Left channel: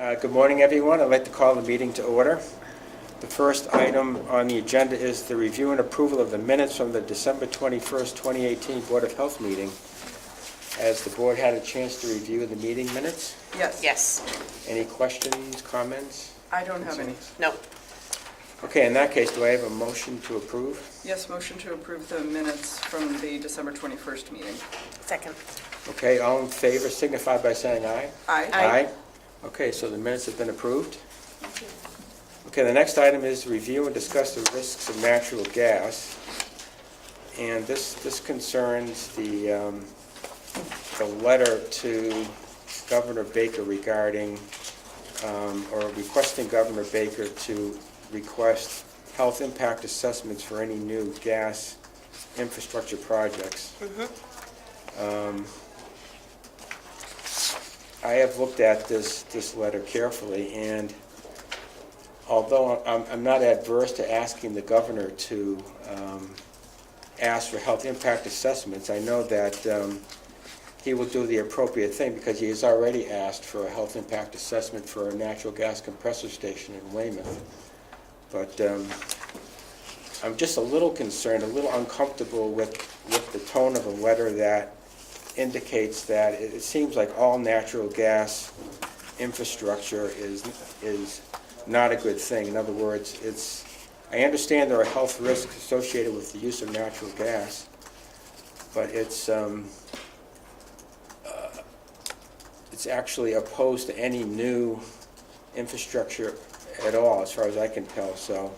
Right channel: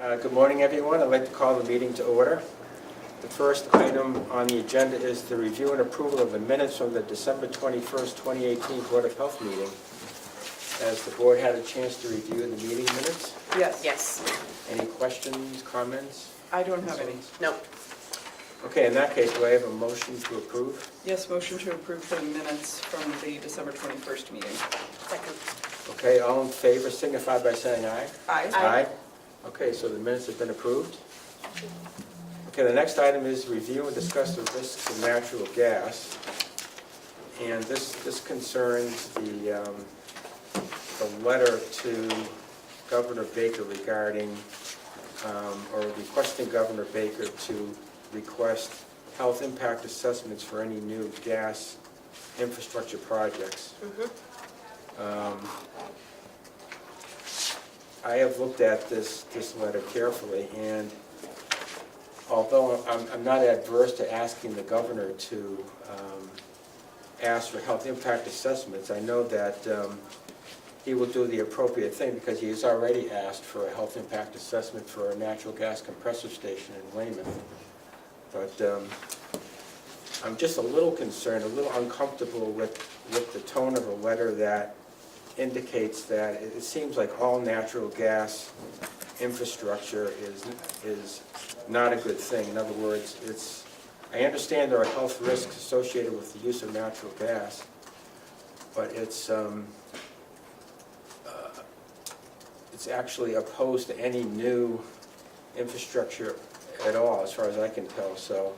Good morning, everyone. I'd like to call the meeting to order. The first item on the agenda is the review and approval of the minutes from the December 21st, 2018 Board of Health meeting. Has the board had a chance to review the meeting minutes? Yes. Yes. Any questions, comments? I don't have any. No. Okay, in that case, do I have a motion to approve? Yes, motion to approve the minutes from the December 21st meeting. Second. Okay, all in favor signify by saying aye. Aye. Aye. Okay, so the minutes have been approved. Okay, the next item is review and discuss the risks of natural gas. And this concerns the letter to Governor Baker regarding, or requesting Governor Baker to request health impact assessments for any new gas infrastructure projects. I have looked at this letter carefully, and although I'm not adverse to asking the governor to ask for health impact assessments, I know that he will do the appropriate thing because he has already asked for a health impact assessment for a natural gas compressor station in Weymouth. But I'm just a little concerned, a little uncomfortable with the tone of a letter that indicates that it seems like all natural gas infrastructure is not a good thing. In other words, I understand there are health risks associated with the use of natural gas, but it's actually opposed to any new infrastructure at all, as far as I can tell. So,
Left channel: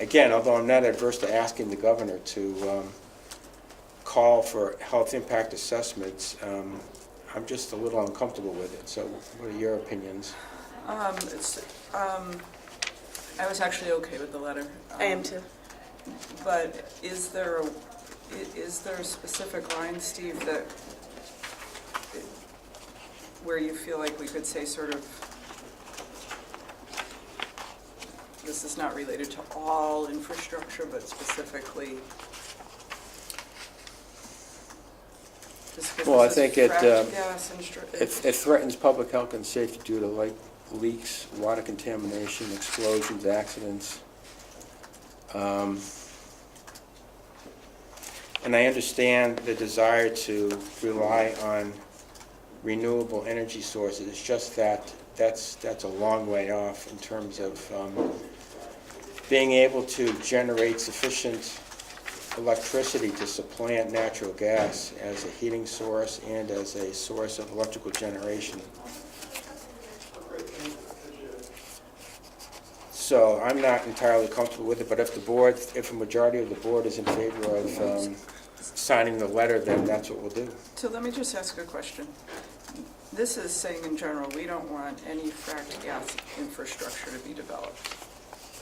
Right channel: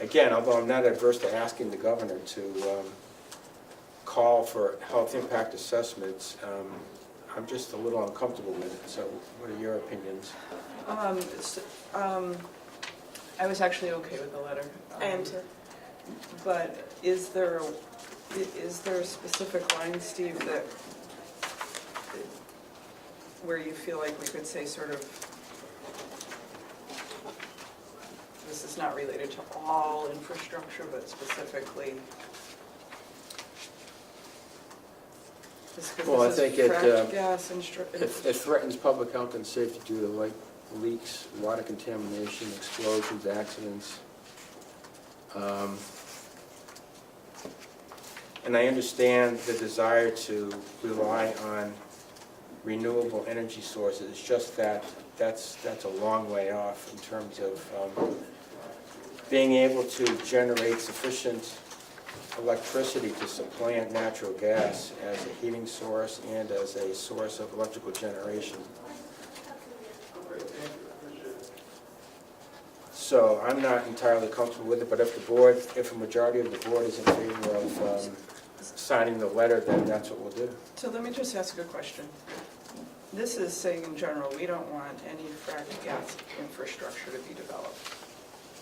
again, although I'm not adverse to asking the governor to call for health impact assessments, I'm just a little uncomfortable with it. So what are your opinions? I was actually okay with the letter. I am too. But is there a specific line, Steve, that where you feel like we could say sort of, this is not related to all infrastructure, but specifically? Well, I think it threatens public health and safety due to leaks, water contamination, explosions, accidents. And I understand the desire to rely on renewable energy sources. It's just that that's a long way off in terms of being able to generate sufficient electricity to supplant natural gas as a heating source and as a source of electrical generation. So I'm not entirely comfortable with it, but if a majority of the board is in favor of signing the letter, then that's what we'll do. So let me just ask a question. This is saying in general, we don't want any fracked gas infrastructure to be developed.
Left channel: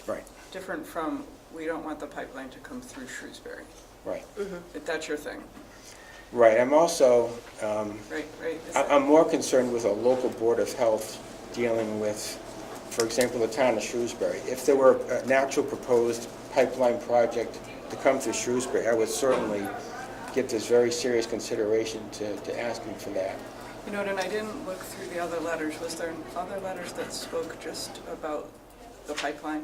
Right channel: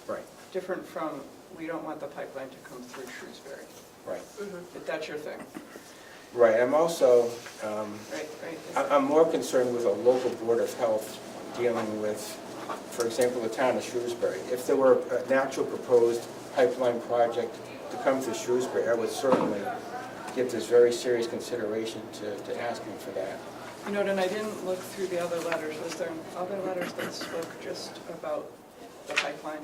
Right. Different from, we don't want the pipeline to come through Shrewsbury. Right. If that's your thing. Right. I'm also, Right. I'm more concerned with a local board of health dealing with, for example, the town of Shrewsbury. If there were a natural proposed pipeline project to come through Shrewsbury, I would certainly give this very serious consideration to asking for that. You know, and I didn't look through the other letters. Was there other letters that spoke just about the pipeline?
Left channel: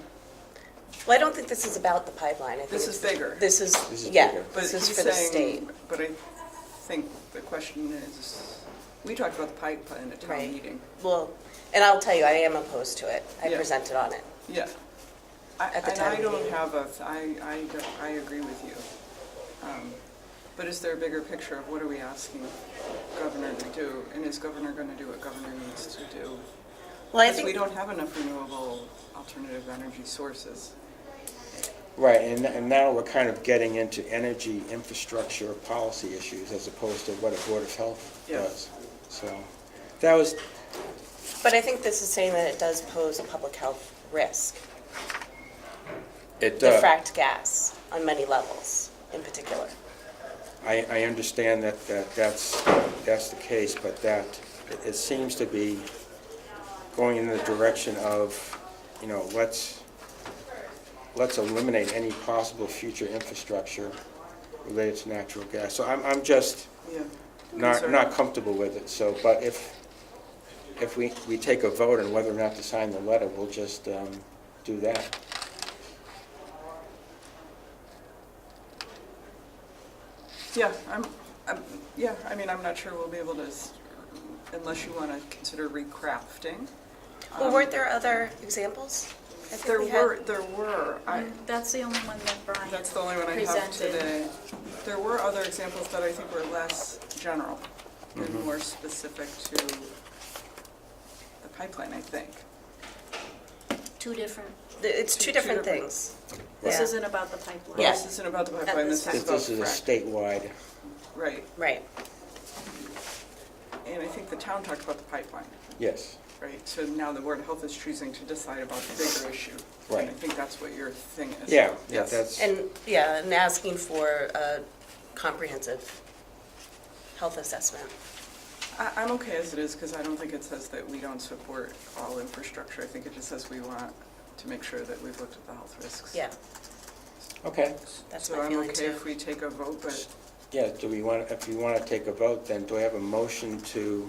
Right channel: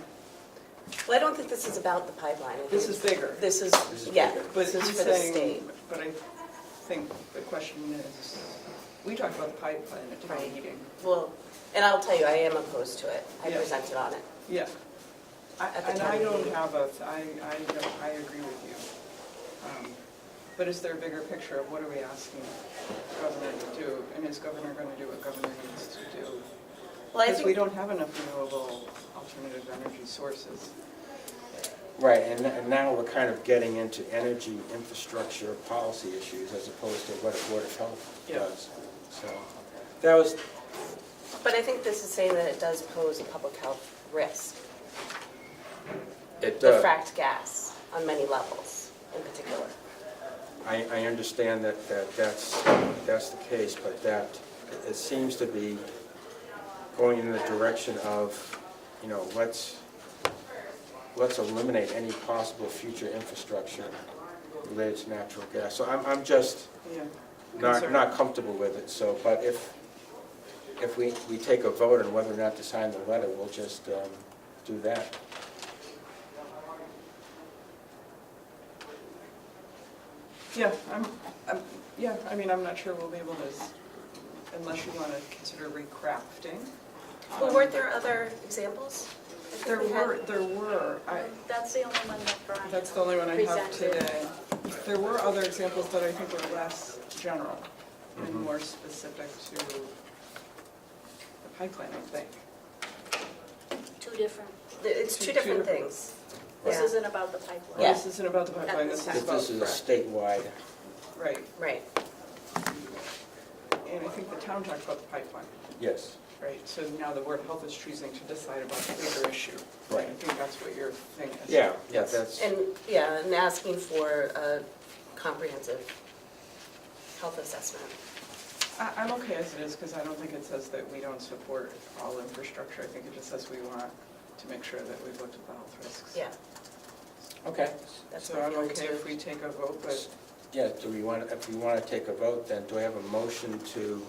Well, I don't think this is about the pipeline. I think This is bigger. This is bigger. But this is he's for the saying, state. but I think the question is, we talked about the pipeline at town Right. meeting. Well, and I'll tell you, I am opposed to it. I Yeah. presented on it. Yeah. At the And town I don't meeting. have I agree with you. But is there a bigger picture of what are we asking Governor to do? And is Governor going to do what Governor needs to do? Well, I Because we think don't have enough renewable alternative energy sources. Right, and now we're kind of getting into energy infrastructure policy issues as opposed to what a board of health Yeah. does. So that was, but I think this is saying that it does pose a public health risk. it The does. fracked gas on many levels, in particular. I understand that's the case, but that it seems to be going in the direction of, let's eliminate any possible future infrastructure related to natural gas. So I'm just Yeah. not comfortable with it. So, but if we take a vote on whether or not to sign the letter, we'll just do that. Yeah, I'm not sure we'll be able to, unless you want to consider recrafting. Well, weren't there other examples? I think There we had- were, That's the only one that Brian that's the only one I have presented. today. There were other examples that I think were less general and more specific to the pipeline, I think. Two different, It's Two two different different- things. this Yeah. isn't about the pipeline. Yeah. This isn't about the pipeline, this is This about This is a frac. statewide, Right, Right. and I think the town talked about the pipeline, yes. right? So now the Board of Health is choosing to decide about the bigger issue. Right. And I think that's what your thing is. Yeah, Yes. that's, And asking for a comprehensive health assessment. I'm okay as it is, because I don't think it says that we don't support all infrastructure. I think it just says we want to make sure that we've looked at the health risks. Yeah, okay. that's So my I'm feeling okay too. if we take a vote, but Yeah, do we want, if we want to take a vote, then do I have a motion to,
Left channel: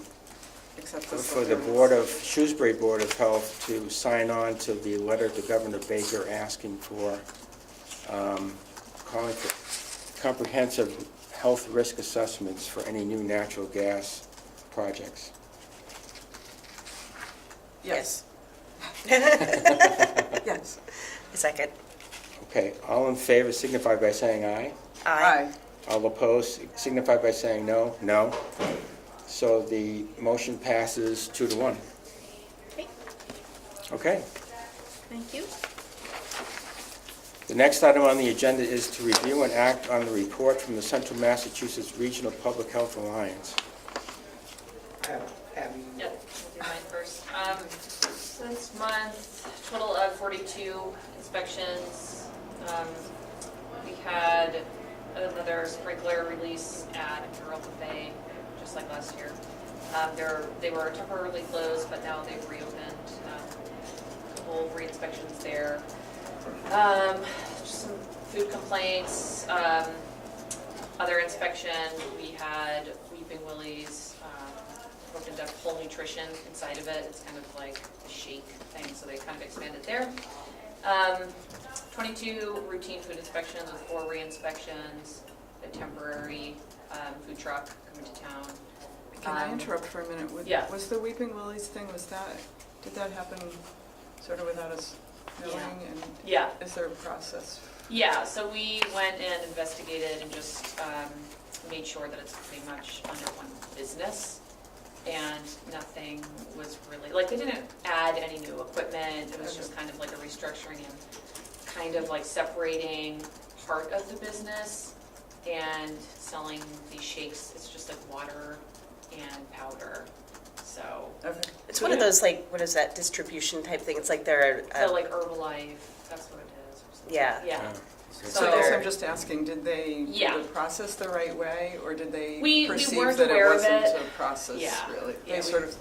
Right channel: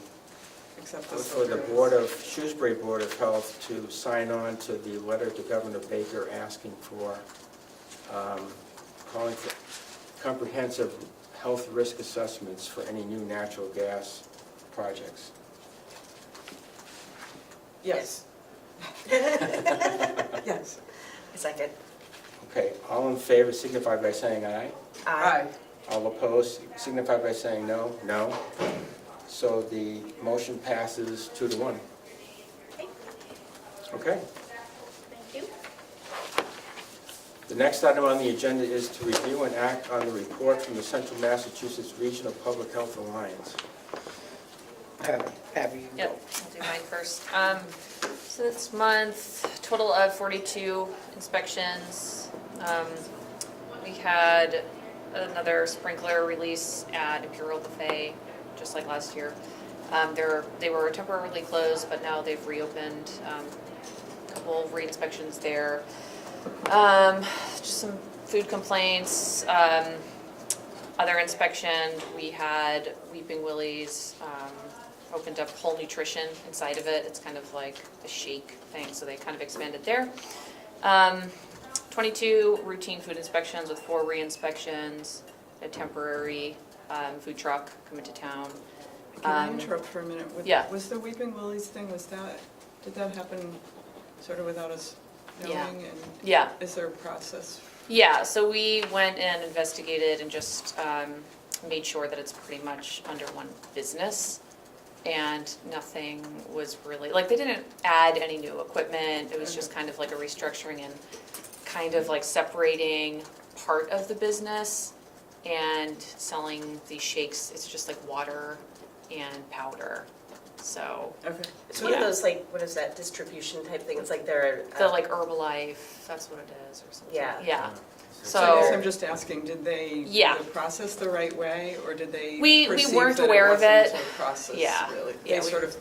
accept this. for the Board of, Shrewsbury Board of Health to sign on to the letter to Governor Baker asking for, calling for comprehensive health risk assessments for any new natural gas projects? Yes. Yes. A second. Okay, all in favor signify by saying aye. Aye. All opposed signify by saying no. No. So the motion passes 2-1. Okay, Okay. thank you. The next item on the agenda is to review and act on the report from the Central Massachusetts Regional Public Health Alliance. Have you? Yep, I'll do mine first. So this month, total of 42 inspections. We had another sprinkler release at Imperial Buffet, just like last year. They were temporarily closed, but now they've reopened. A couple of re-inspections there. Just some food complaints. Other inspection, we had Weeping Willie's, opened up whole nutrition inside of it. It's kind of like a shake thing, so they kind of expanded there. 22 routine food inspections with 4 re-inspections, a temporary food truck coming to town. Can I interrupt for a minute? Yeah. Was the Weeping Willie's thing, did that happen sort of without us knowing? Yeah. And Yeah, is there a process? yeah, so we went and investigated and just made sure that it's pretty much under one business. And nothing was really, like, they didn't add any new equipment. It was just kind of like a restructuring and kind of like separating part of the business and selling these shakes. It's just like water and powder. So Okay. It's one of those, like, what is that, distribution type thing? It's like they're... the like Herbalife, that's what it is, or something. Yeah. Yeah. So I guess So I'm just asking, did they process the right way, or did they We perceive weren't that aware it of wasn't it. a process, Yeah. really? Yeah, They we- sort of,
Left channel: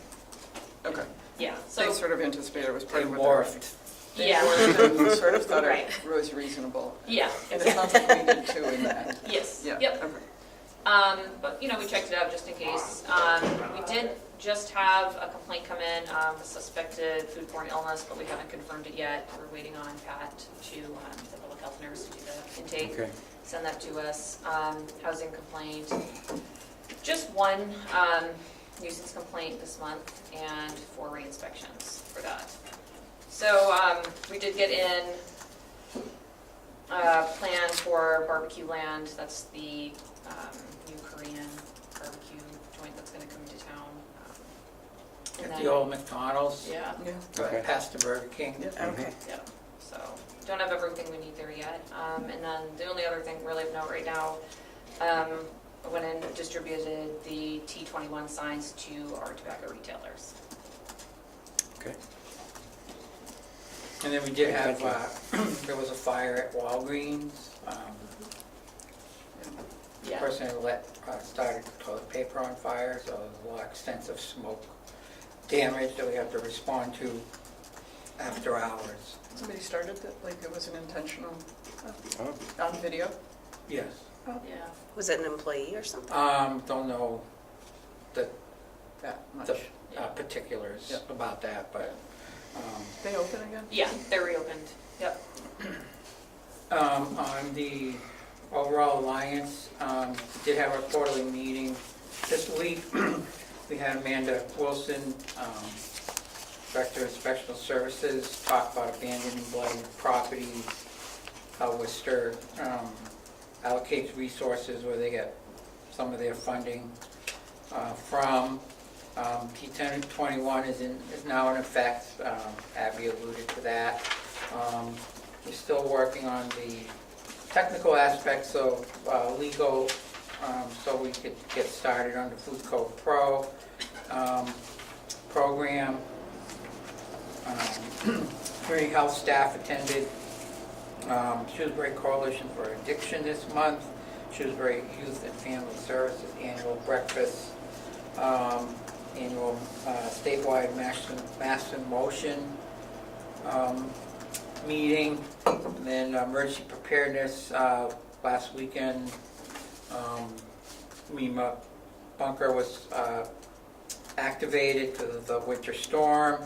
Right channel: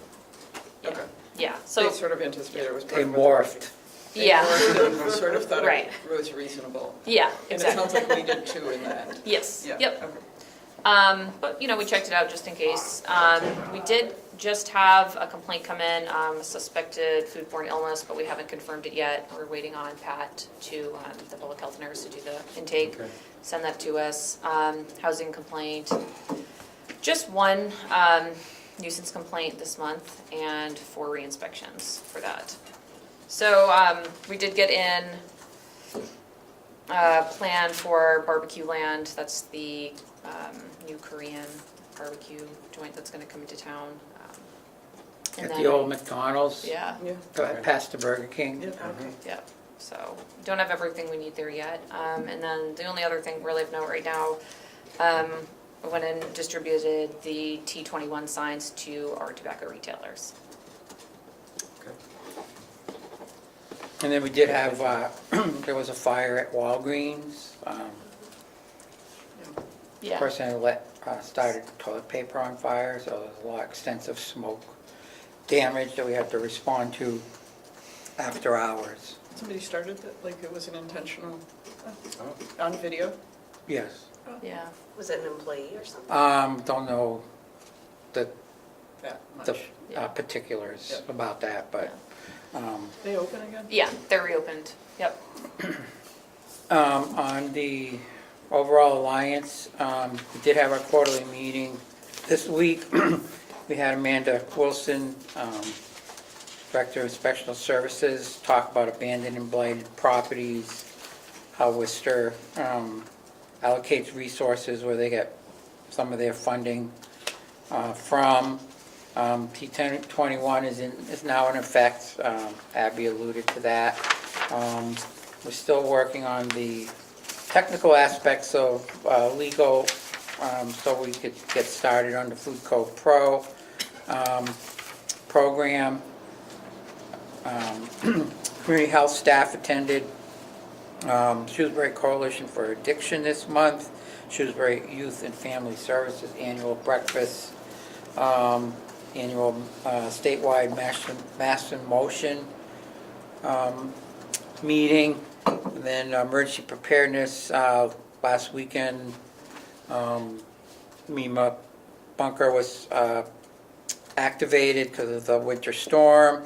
okay. yeah, They so sort of anticipated it was part They of what morphed. yeah, they sort of thought Right. it was reasonable. yeah, And it exactly. sounds like we did too in that. Yes. Yeah. Yep. Okay. But, we checked it out just in case. We did just have a complaint come in, suspected foodborne illness, but we haven't confirmed it yet. We're waiting on Pat to, the public health nurse, to do the intake, Okay. send that to us. Housing complaint, just one nuisance complaint this month and 4 re-inspections for that. So we did get in plan for barbecue land. That's the new Korean barbecue joint that's going to come into town. At the old McDonald's, Yeah, Yeah. past the Burger King. Yeah, okay. yeah. So don't have everything we need there yet. And then the only other thing really of note right now, I went and distributed the T21 signs to our tobacco retailers. Okay. And then we did have, there was a fire at Walgreens. The Yeah. person had started toilet paper on fire, so there was a lot of extensive smoke damage that we had to respond to after hours. Somebody started that, like it was an intentional, Oh, on video? Yes. Yeah. Was it an employee or something? Don't know the, That much. the particulars Yep. about that, but, They open again? Yeah, they're reopened. Yep. on the overall alliance, we did have our quarterly meeting this week. We had Amanda Wilson, Director of Special Services, talk about abandoned and blighted properties, how Worcester allocates resources where they get some of their funding from. T1021 is now in effect. Abby alluded to that. We're still working on the technical aspects of legal, so we could get started on the Food Code Pro program. Community health staff attended Shrewsbury Coalition for Addiction this month, Shrewsbury Youth and Family Services annual breakfast, annual statewide Mass in Motion meeting, and then emergency preparedness last weekend. MEMA bunker was activated because of the winter storm.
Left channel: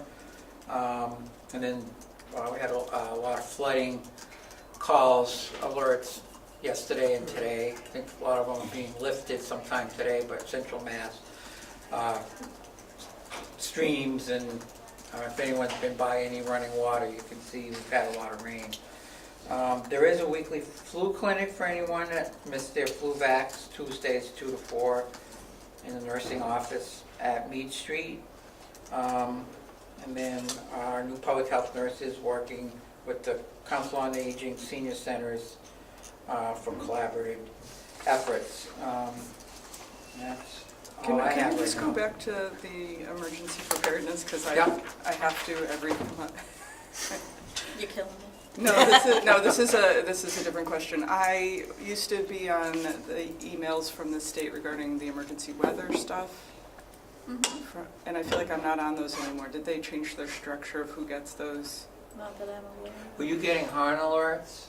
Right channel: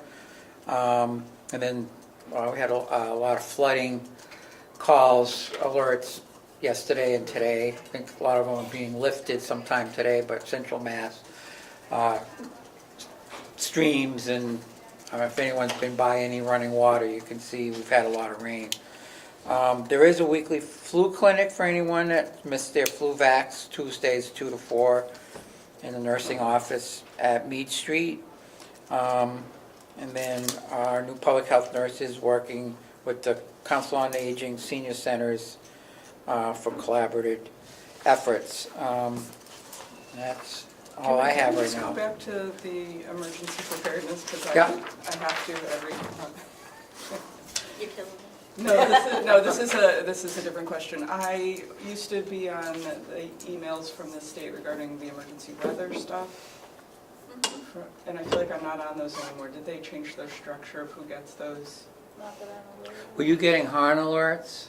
And then we had a lot of flooding calls, alerts yesterday and today. I think a lot of them are being lifted sometime today, but Central Mass streams, and if anyone's been by any running water, you can see we've had a lot of rain. There is a weekly flu clinic for anyone that missed their flu vax, Tuesdays 2 to 4 in the nursing office at Mead Street. And then our new public health nurses working with the Council on Aging senior centers for collaborative efforts. That's all I have right Can we just go now. back to the emergency preparedness, because Yeah. I have to every month. You're killing me. This is a different question. I used to be on the emails from the state regarding the emergency weather stuff, and I feel like I'm not on those anymore. Did they change their structure of who gets those? Not that I'm aware of. Were you getting HARN alerts?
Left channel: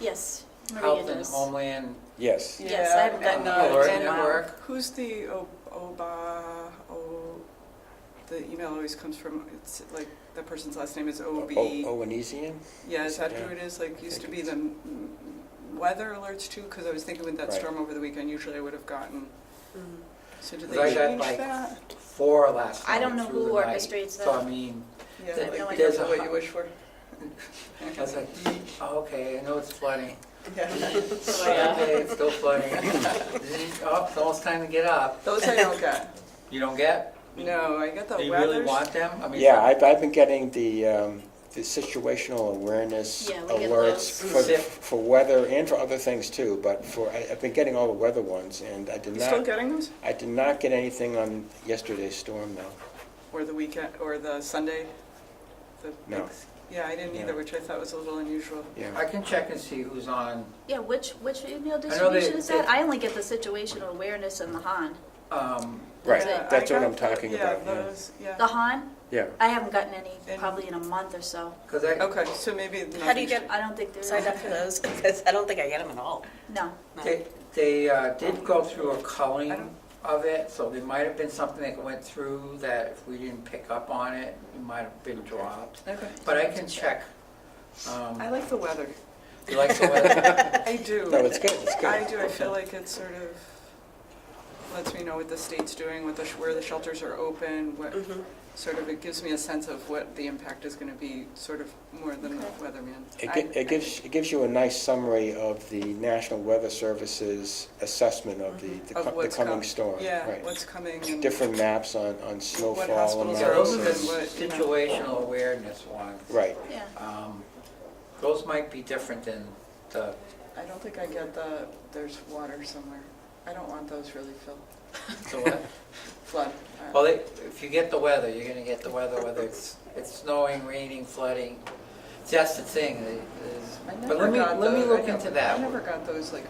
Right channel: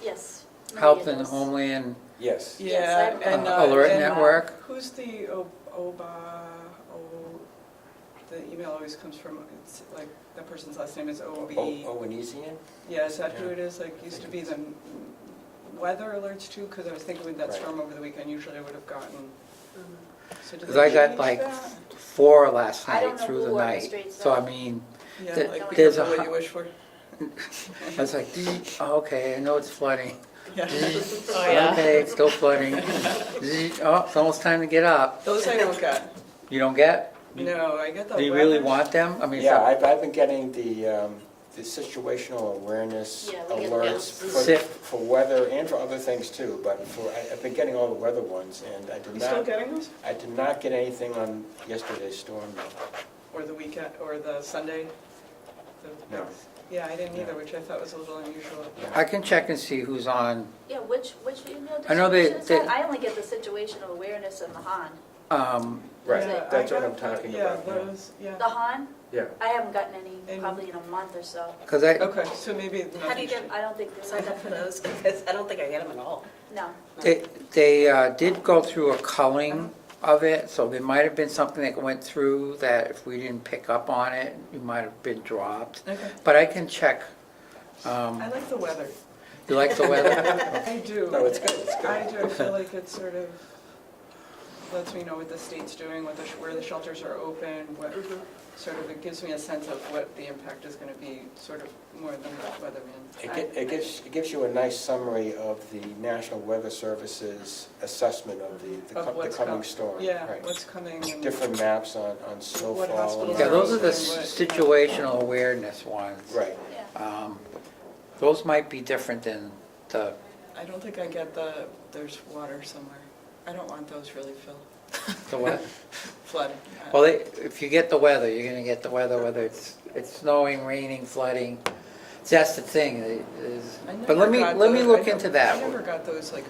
Yes. Health Maria and does. Homeland Yeah, Yes, I've got and, that. Alert and, Network? Who's the the email always comes from, it's like, that person's last name is O-B. Owenesian? Yeah, is that who it is? Like, used to be the weather alerts too? Because I was thinking with that Right. storm over the weekend, usually I would have gotten. So did 'Cause they I got, change like, that? 4 last I don't night know through the who night. orchestrates So I that. mean, Yeah, th- like, there's careful a what you wish for. I was like, oh, okay, I know it's flooding. Yeah. Okay, it's still flooding. Oh, it's almost time to get up. Those I don't get. You don't get? No, I get the Do you weather. really want them? I mean, Yeah, I've been getting the situational awareness Yeah, we get alerts those. for weather and for other things too, but I've been getting all the weather ones, and I did You still not, getting those? I did not get anything on yesterday's storm though. Or the weekend, or the Sunday? The- No. Yeah, I didn't either, Yeah. which I thought was a little unusual. Yeah. I can check and see who's on. Yeah, which email I know they- distribution is that? they- I only get the situational awareness and the Han. Right, Yeah, that's I what I'm got- talking yeah, about, yeah. those, yeah. The Han? Yeah. I haven't gotten any And- probably in a month or so. Because I, Okay, so maybe. How do you get I don't think there is. signed up for those? Because I don't think I get them at all. No. they did go through a culling of it, so there might have been something that went through that if we didn't pick up on it, it might have been dropped. Okay. But I can check. I like the weather. You like the weather? I do. No, it's good, it's good. I do. I feel like it sort of lets me know what the state's doing, what where the shelters are open, what sort of, it gives me a sense of what the impact is going to be, sort of more than the weatherman. It gives you a nice summary of the National Weather Service's assessment of the Of what's coming com- storm. Yeah, Right. what's coming and. Different maps on snowfall. hospitals Yeah, and those are the What- situational awareness ones. Right. Yeah. Those might be different than the, I don't think I get there's water somewhere. I don't want those really, Phil. the what? Flood. Well, if you get the weather, you're gonna get the weather, whether it's snowing, raining, flooding. That's the thing. But let me look into I that. never got those like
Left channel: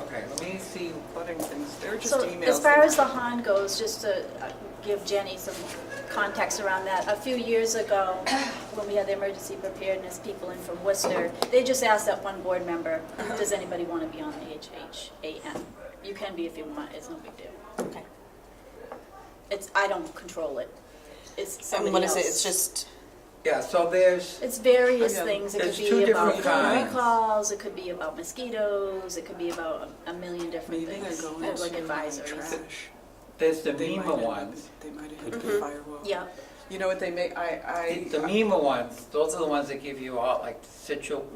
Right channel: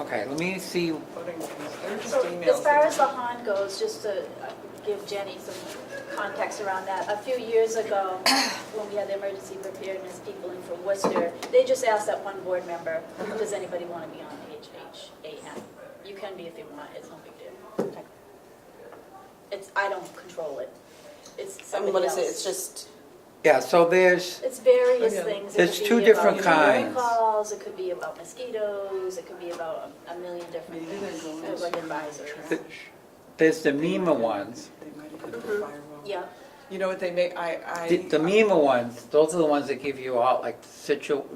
Okay, let me see. flooding things. They were just So emails. as far as the Han goes, just to give Jenny some context around that, a few years ago, when we had the emergency preparedness people in from Worcester, they just asked that one board member, does anybody want to be on the HHAM? You can be if you want, it's no big deal. Okay. I don't control it. It's And somebody what else. is it? It's just, Yeah, so there's, It's various Again, things. It there's could two be different about phone kinds. calls, it could be about mosquitoes, it could be about a million different Maybe they're things, going like to advisories. trash. there's the They MEMA might have- ones. They might have hit Mm-hmm. the firewall. Yeah, You know what they make, The MEMA ones, those are the ones that give you all, like,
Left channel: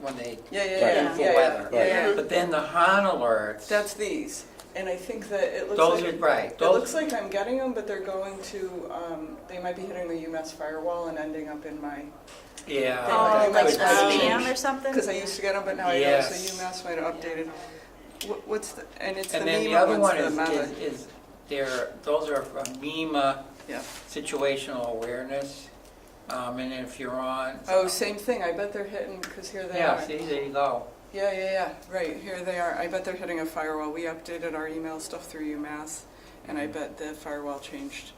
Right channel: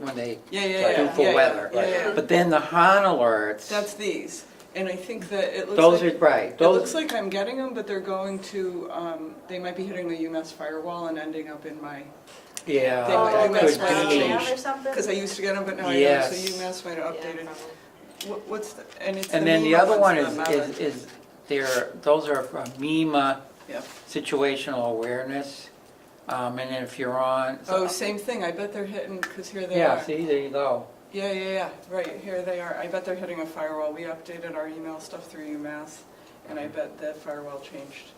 when they Yeah, yeah, check yeah. in for yeah, weather. Yeah, yeah. But then the HAN alerts, That's these. And I think that it looks those like. are, right, It looks those, like I'm getting them, but they're going to, they might be hitting the UMass firewall and ending up in my, yeah. They oh, might- that's could for be. spam or something? because I used to get them, but now I don't, so Yes. UMass might have updated. What's the, and it's the And then the MEMA other one ones, the meta. those are from MEMA Yeah. situational awareness. And then if you're on. Oh, same thing, I bet they're hitting, because here they are. Yeah, see, there you go. Yeah, right, here they are. I bet they're hitting a firewall. We updated our email stuff through UMass, and I bet the firewall changed.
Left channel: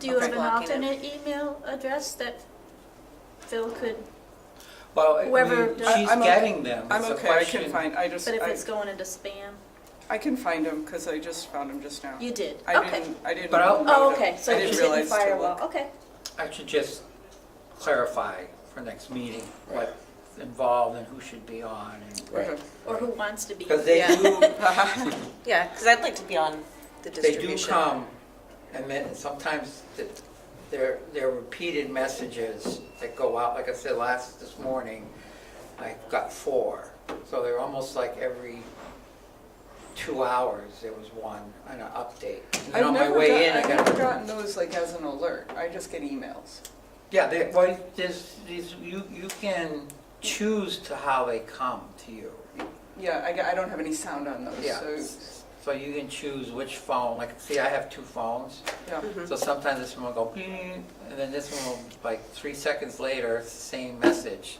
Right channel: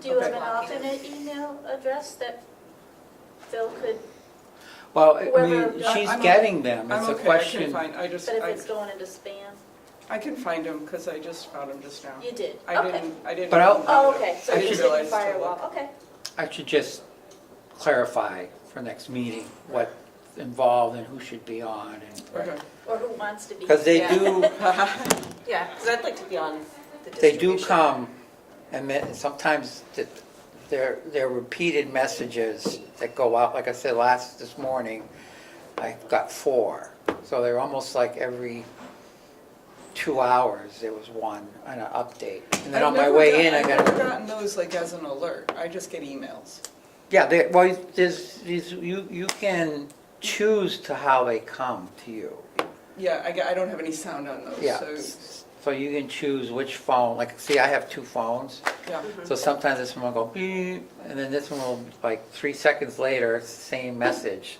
Do you have okay. an Blocking it. alternate email address that Phil could, Well, I Whoever- mean, she's I'm okay. getting them. I'm It's a okay, I question. can find, I just, but if it's going into spam? I can find them, because I just found them just now. You did, I okay. didn't. But I'll- know Oh, that- okay, so I you didn't just didn't realize to firewall, look. okay. I should just clarify for next meeting what's involved and who should be on. Okay. Or who wants to be. Because they Yeah. do, yeah, because I'd like to be on the they distribution. do come, and then sometimes they're repeated messages that go out. Like I said this morning, I got 4. So they're almost like every 2 hours, there was one, an update. And then on my way in, I I've never got, gotten those like as an alert. I just get emails. yeah, well, there's these, you can choose to how they come to you. Yeah, I don't have any sound on those, Yeah. so, So you can choose which phone, like, see, I have 2 phones, yeah. so sometimes this one will go beep, and then this one will, like, 3 seconds later, it's the same message.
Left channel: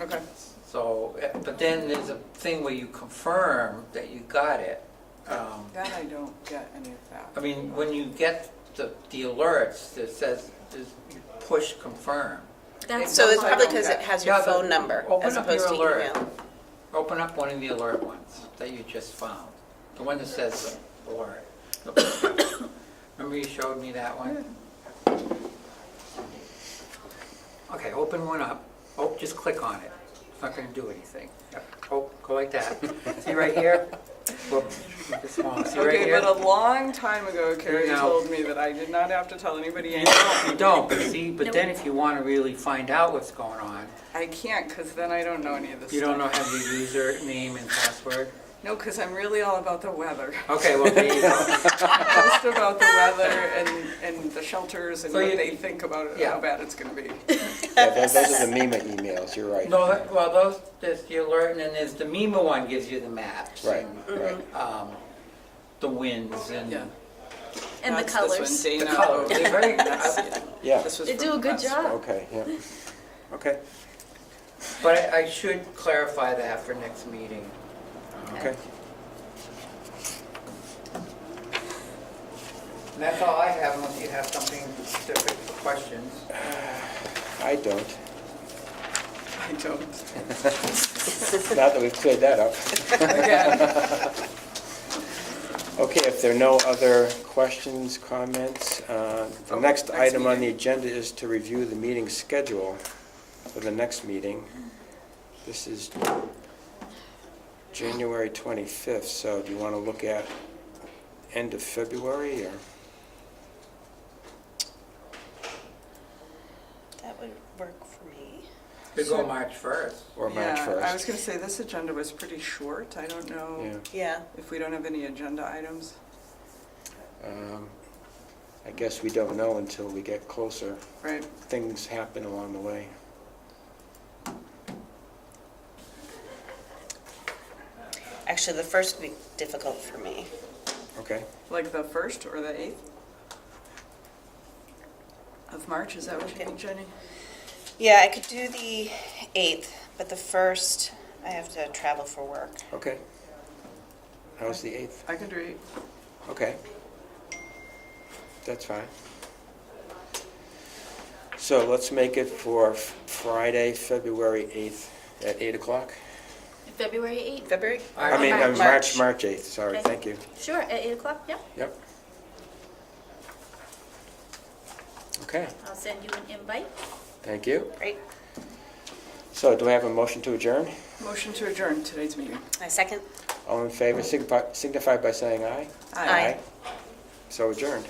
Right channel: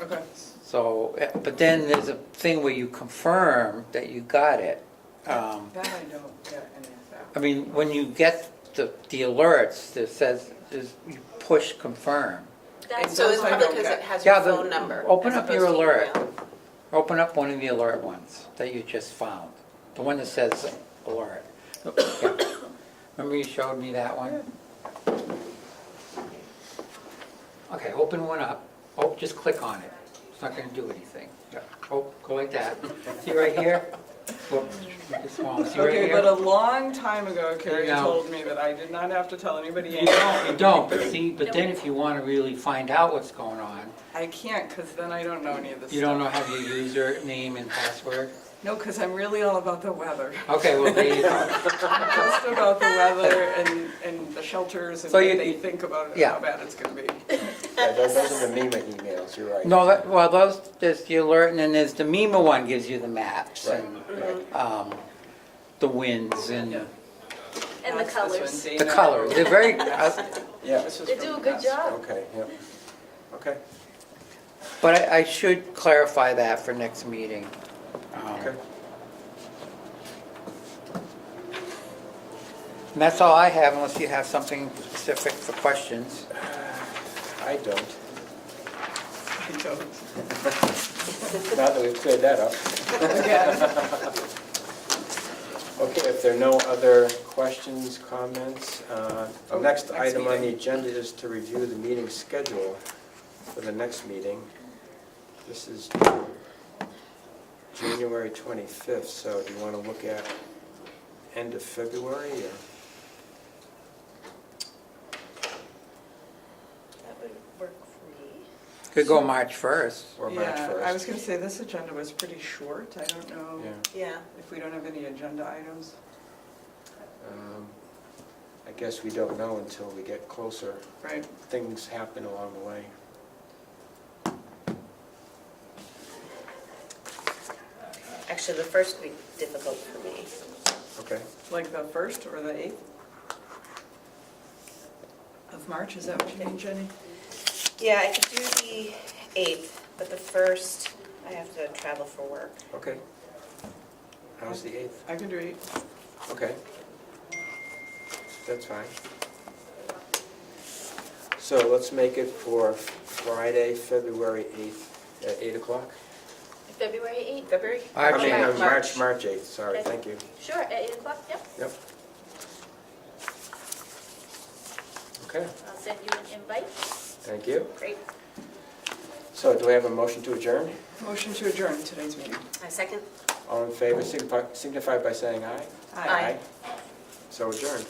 Okay. So, but then there's a thing where you confirm that you got it. That I don't get any of that. I mean, when you get the alerts, that says, you push confirm. That's So it's I probably don't because get. it has your Yeah, the- phone number open as up opposed your to alert. email. Open up one of the alert ones that you just found, the one that says alert. Remember you showed me that one? Okay, open one up. Oh, just click on it. It's not gonna do anything. Yep. Oh, go like that. See right here? Whoops, make it small. See right Okay, here? but a long time ago, Carrie Yeah. told me that I did not have to tell anybody You anything. don't, you don't, but see, but then if you wanna really find out what's going on, I can't, because then I don't know any of this you don't know stuff. how to use your name and password? No, because I'm really all about the weather. Okay, well, there you go. Just about the weather and the shelters and So what you- they think about it, yeah. how bad it's gonna be. Yeah, those are the MEMA emails, you're right. No, well, there's the alert, and then there's the MEMA one gives you the maps. Right, and, right. The winds and Yeah. And the That's this one, colors. the Dana. colors. They're very, Yeah, This was They from do a good Wes. job. okay, yeah. Okay, but I should clarify that for next meeting. okay. And that's all I have, unless you have something specific for questions. I don't. I don't. Now that we've cleared that up. Okay, if there are no other questions, comments, the Oh, next next item on the meeting. agenda is to review the meeting schedule for the next meeting. This is January 25th, so do you want to look at end of February or? That would work for me. Could go March 1st. Or March 1st? Yeah, I was gonna say, this agenda was pretty short. I don't know Yeah. Yeah. if we don't have any agenda items. I guess we don't know until we get closer. Right. Things happen along the way. Actually, the first week difficult for me. Okay. Like the 1st or the 8th of March, is that what you mean, Jenny? Yeah, I could do the 8th, but the 1st, I have to travel for work. Okay. How's the 8th? I can do 8. Okay. That's fine. So let's make it for Friday, February 8th at 8 o'clock? February 8th? February? I mean, Okay, March 8th, sorry, Okay. thank you. Sure, at 8 o'clock, yep. Yep. Okay, I'll send you an invite. thank you. Great. So do I have a motion to adjourn? Motion to adjourn today's meeting. I second. All in favor signify by saying aye. Aye. So adjourned.